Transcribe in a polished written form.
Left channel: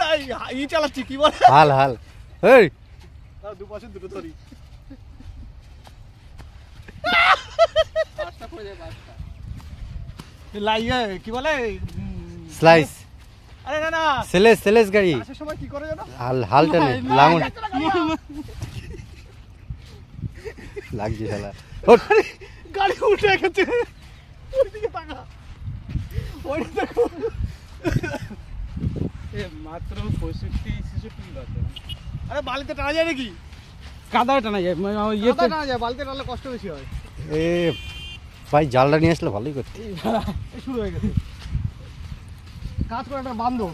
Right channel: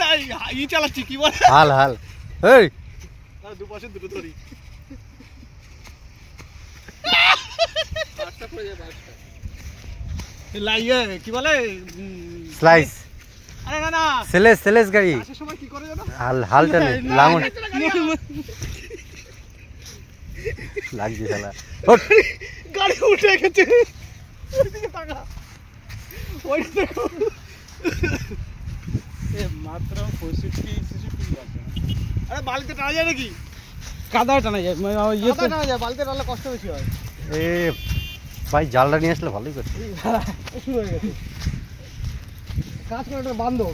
না ই চালাচ্ছি কি বলে হাল হাল এই দু পাশে দুটো ধরি পাঁচটা পড়ে যায় পাঁচটা লাইয়ে কি বলে স্লাইস আরে না না সেলেস গাড়ি আসার সময় কি করে জানো হাল টানে লাঙল লাগছে শালা গাড়ি উঠে গেছে ওইদিকে তাকা ওই দেখো এ মাত্র 65-66 লাগবে আরে বালিতে টানা যায় নাকি কাদায় টানা যায় মানে ইয়েতে টানা যায় বালিতে টানলে কষ্ট বেশি হয় এ ভাই জালটা নিয়ে আসলে ভালোই করতে শুরু হয়ে গেছে কাজ করে একটা বান্ধব